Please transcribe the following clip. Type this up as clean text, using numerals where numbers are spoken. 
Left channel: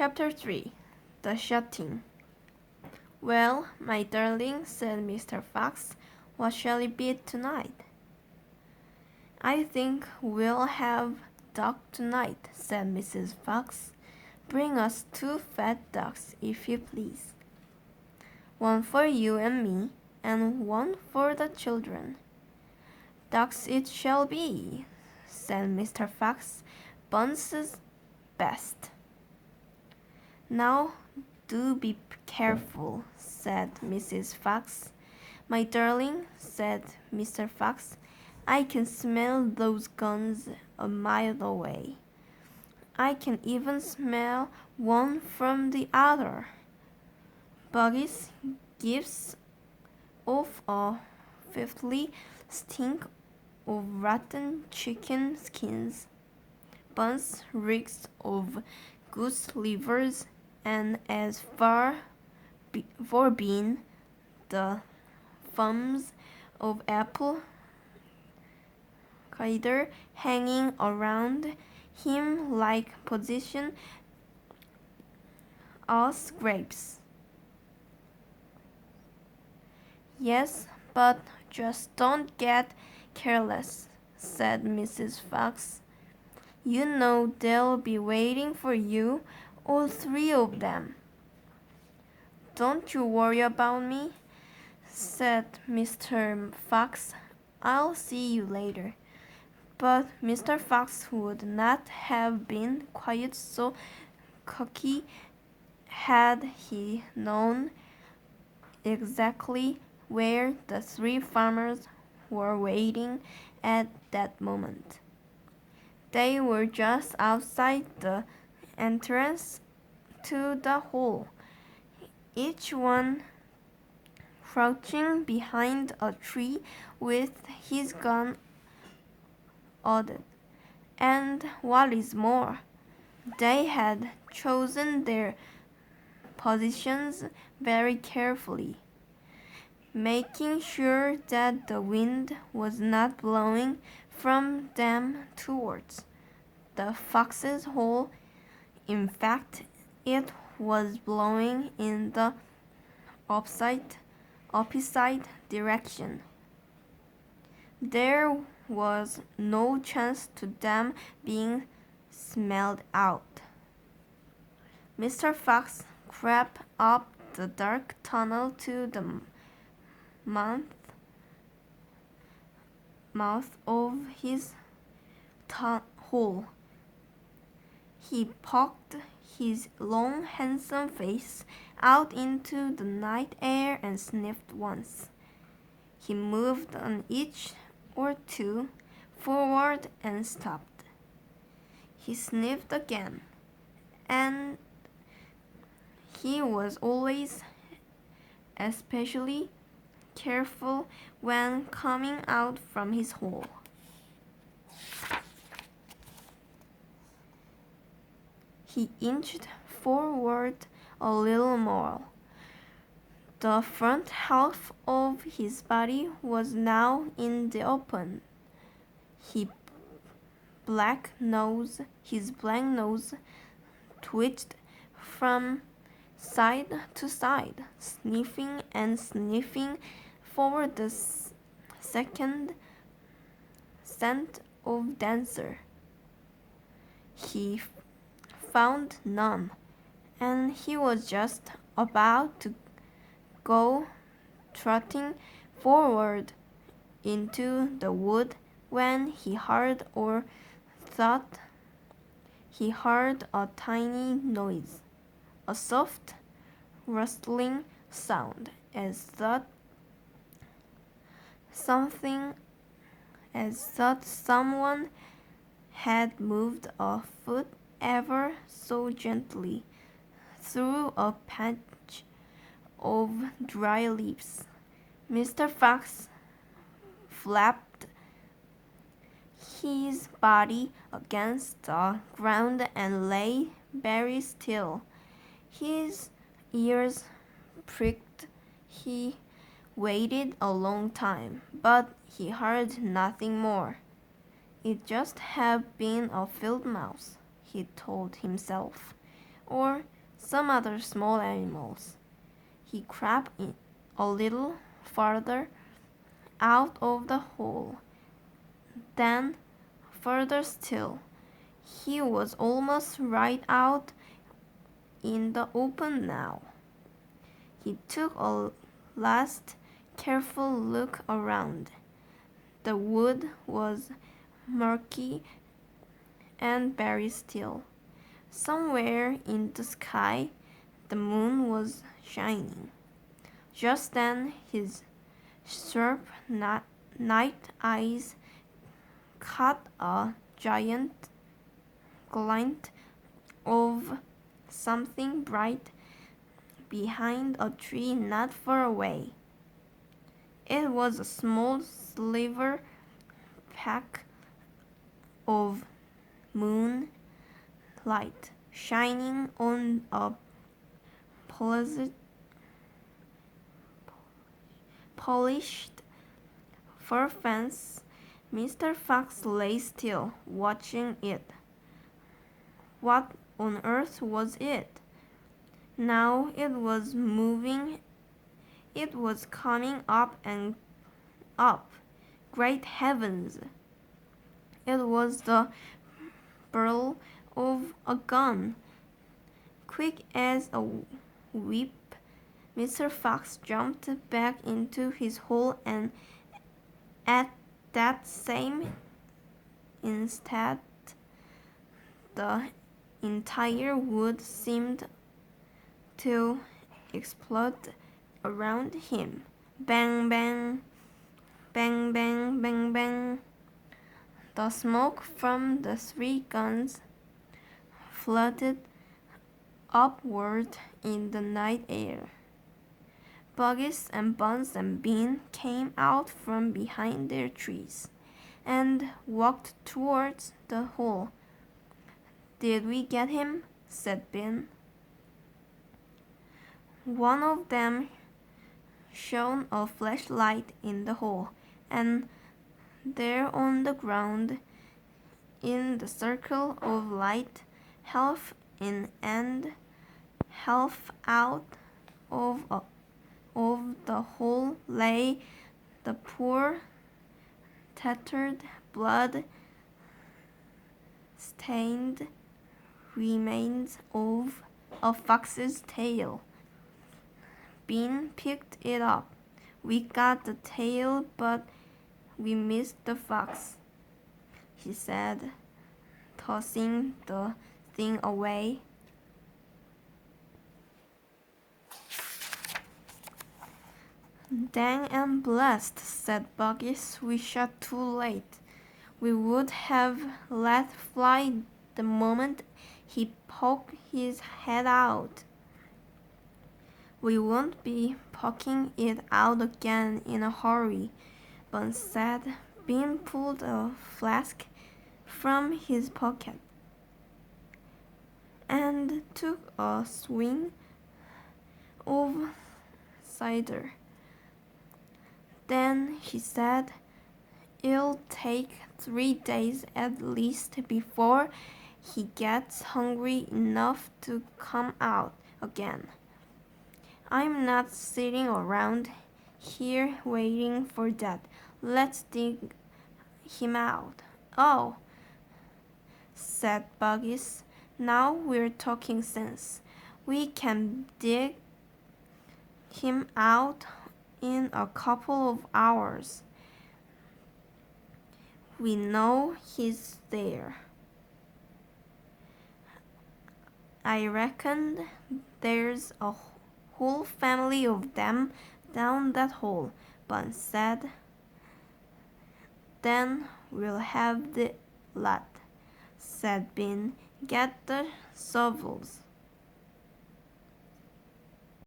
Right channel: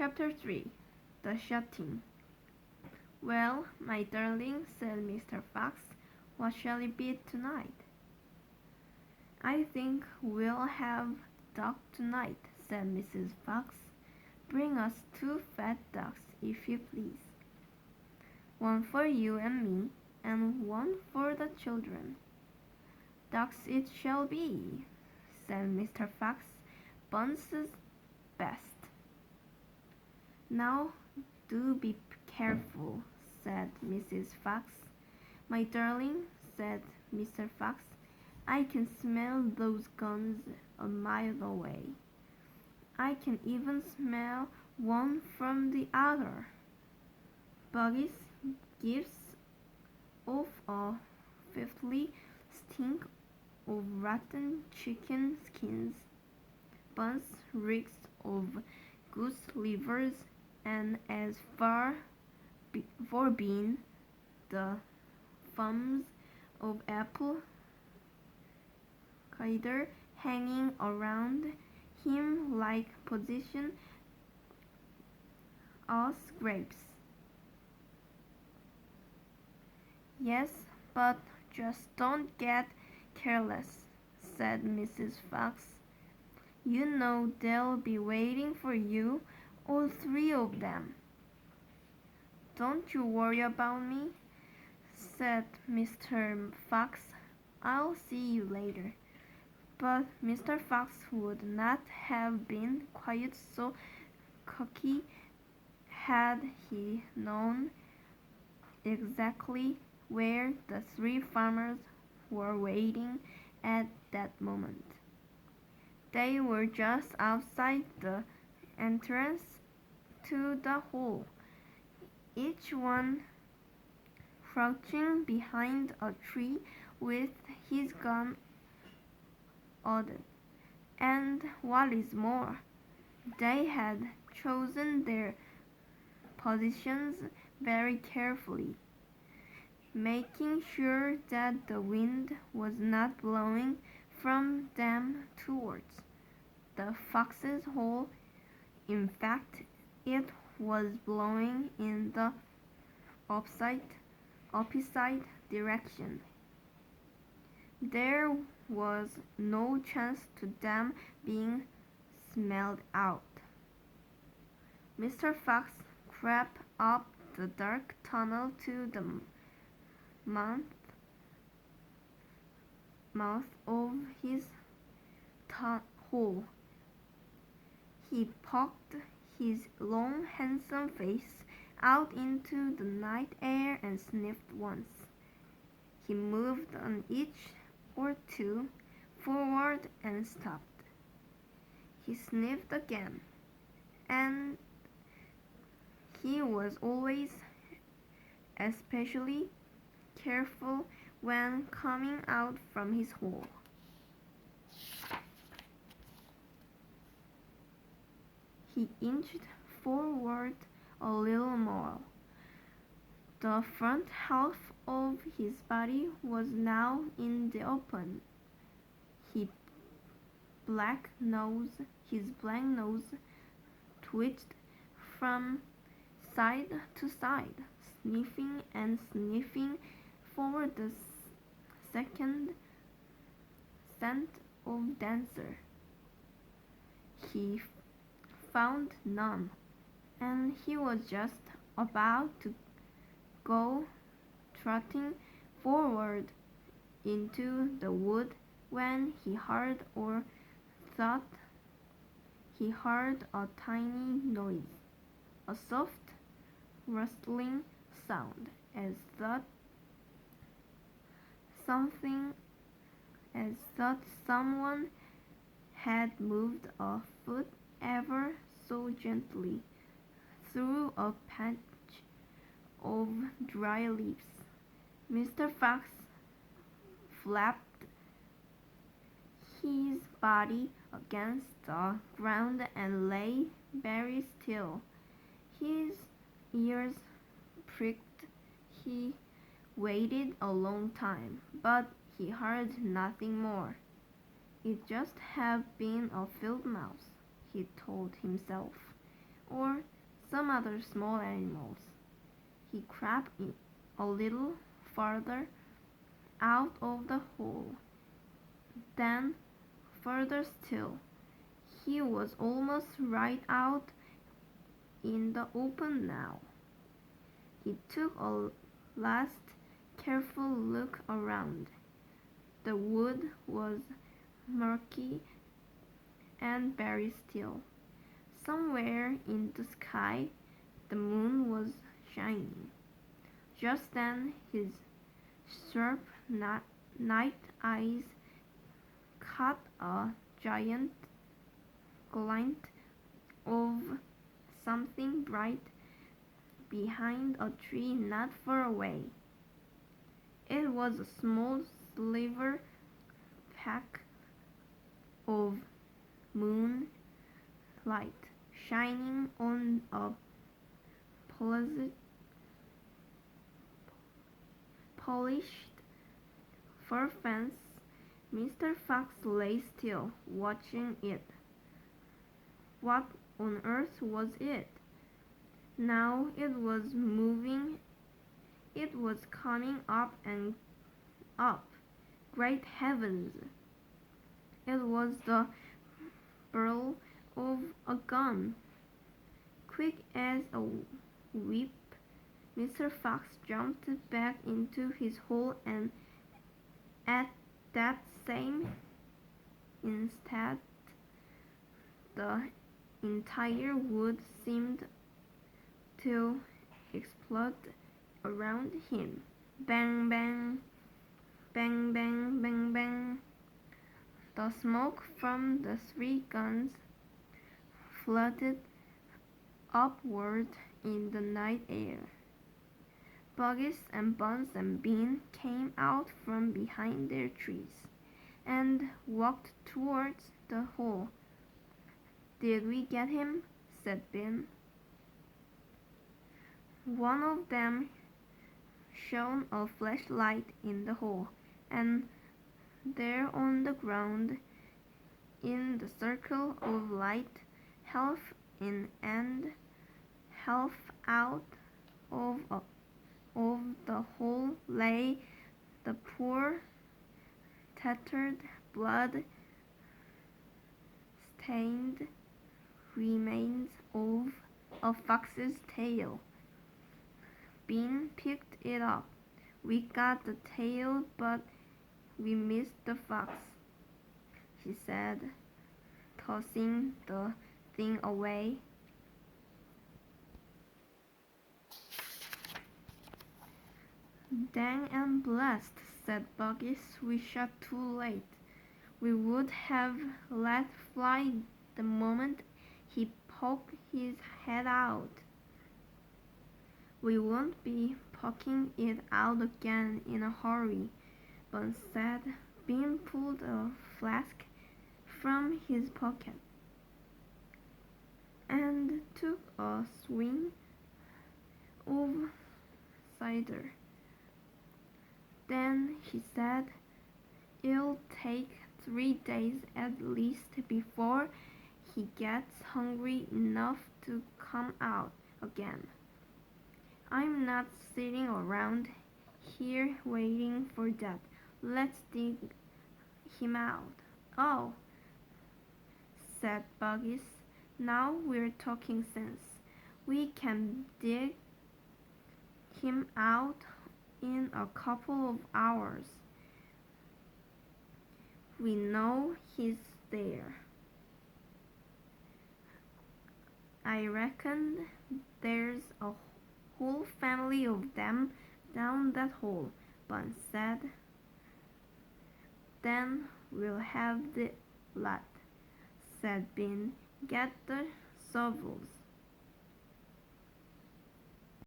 Chapter 3 The Shutting. "Well, my darling," said Mr. Fox, "what shall it be tonight?" "I think we'll have duck tonight," said Mrs. Fox. "Bring us 2 fat ducks, if you please. 1 for you and me, and 1 for the children." "Ducks it shall be," said Mr. Fox. "Bunce's best." "Now do be careful," said Mrs. Fox. "My darling," said Mr. Fox, "I can smell those guns a mile away. I can even smell one from the other. Buggins gives off a filthy stink of rotten chicken skins. Bunce reeks of goose livers, and as for bean, the fumes of apple cider hanging around him like poison us grapes." "Yes, but just don't get careless," said Mrs. Fox. "You know they'll be waiting for you, all 3 of them." "Don't you worry about me," said Mr. Fox. "I'll see you later." But Mr. Fox would not have been quite so cocky had he known exactly where the 3 farmers were waiting at that moment. They were just outside the entrance to the hall, each one crouching behind a tree with his gun loaded. And what is more, they had chosen their positions very carefully, making sure that the wind was not blowing from them towards the fox's hole. In fact, it was blowing in the opposite direction. There was no chance to them being smelled out. Mr. Fox crept up the dark tunnel to the mouth of his hole. He poked his long, handsome face out into the night air and sniffed once. He moved an inch or 2 forward and stopped. He sniffed again, and he was always especially careful when coming out from his hole. He inched forward a little more. The front half of his body was now in the open. His black nose twitched from side to side, sniffing and sniffing for the second scent of Dancer. He found none, and he was just about to go trotting forward into the wood when he heard, or thought he heard, a tiny noise, a soft rustling sound, as though someone had moved a foot ever so gently through a patch of dry leaves. Mr. Fox flapped his body against the ground and lay very still. His ears pricked. He waited a long time, but he heard nothing more. It just had been a field mouse, he told himself, or some other small animals. He crept in a little farther out of the hole. Then, further still. He was almost right out in the open now. He took a last careful look around. The wood was murky and very still. Somewhere in the sky, the moon was shining. Just then, his sharp night eyes caught a giant glint of something bright behind a tree not far away. It was a small silver speck of moonlight shining on a polished fur fence. Mr. Fox lay still, watching it. What on earth was it? Now it was moving. It was coming up and up. Great heavens! It was the barrel of a gun. Quick as a whip, Mr. Fox jumped back into his hole, and at that same instant, the entire wood seemed to explode around him. Bang, bang, bang, bang, bang, bang. The smoke from the three guns floated upward in the night air. Bugs and Buns and Bean came out from behind their trees and walked towards the hole. "Did we get him?" said Bean. One of them shone a flashlight in the hole, and there on the ground, in the circle of light, half in and half out of the hole, lay the poor, tattered, blood-stained remains of a fox's tail. Bean picked it up. "We got the tail, but we missed the fox," he said, tossing the thing away. "Dang and blessed," said Bugs. "We shot too late. We would have let fly the moment he poked his head out." "We won't be poking it out again in a hurry," Bun said. Bean pulled a flask from his pocket and took a swing of cider. Then he said, "It'll take 3 days at least before he gets hungry enough to come out again. I'm not sitting around here waiting for that. Let's dig him out." "Oh," said Bugs. "Now we're talking sense. We can dig him out in a couple of hours. We know he's there. I reckon there's a whole family of them down that hole," Bun said. "Then we'll have the lot," said Bean. "Get the shovels."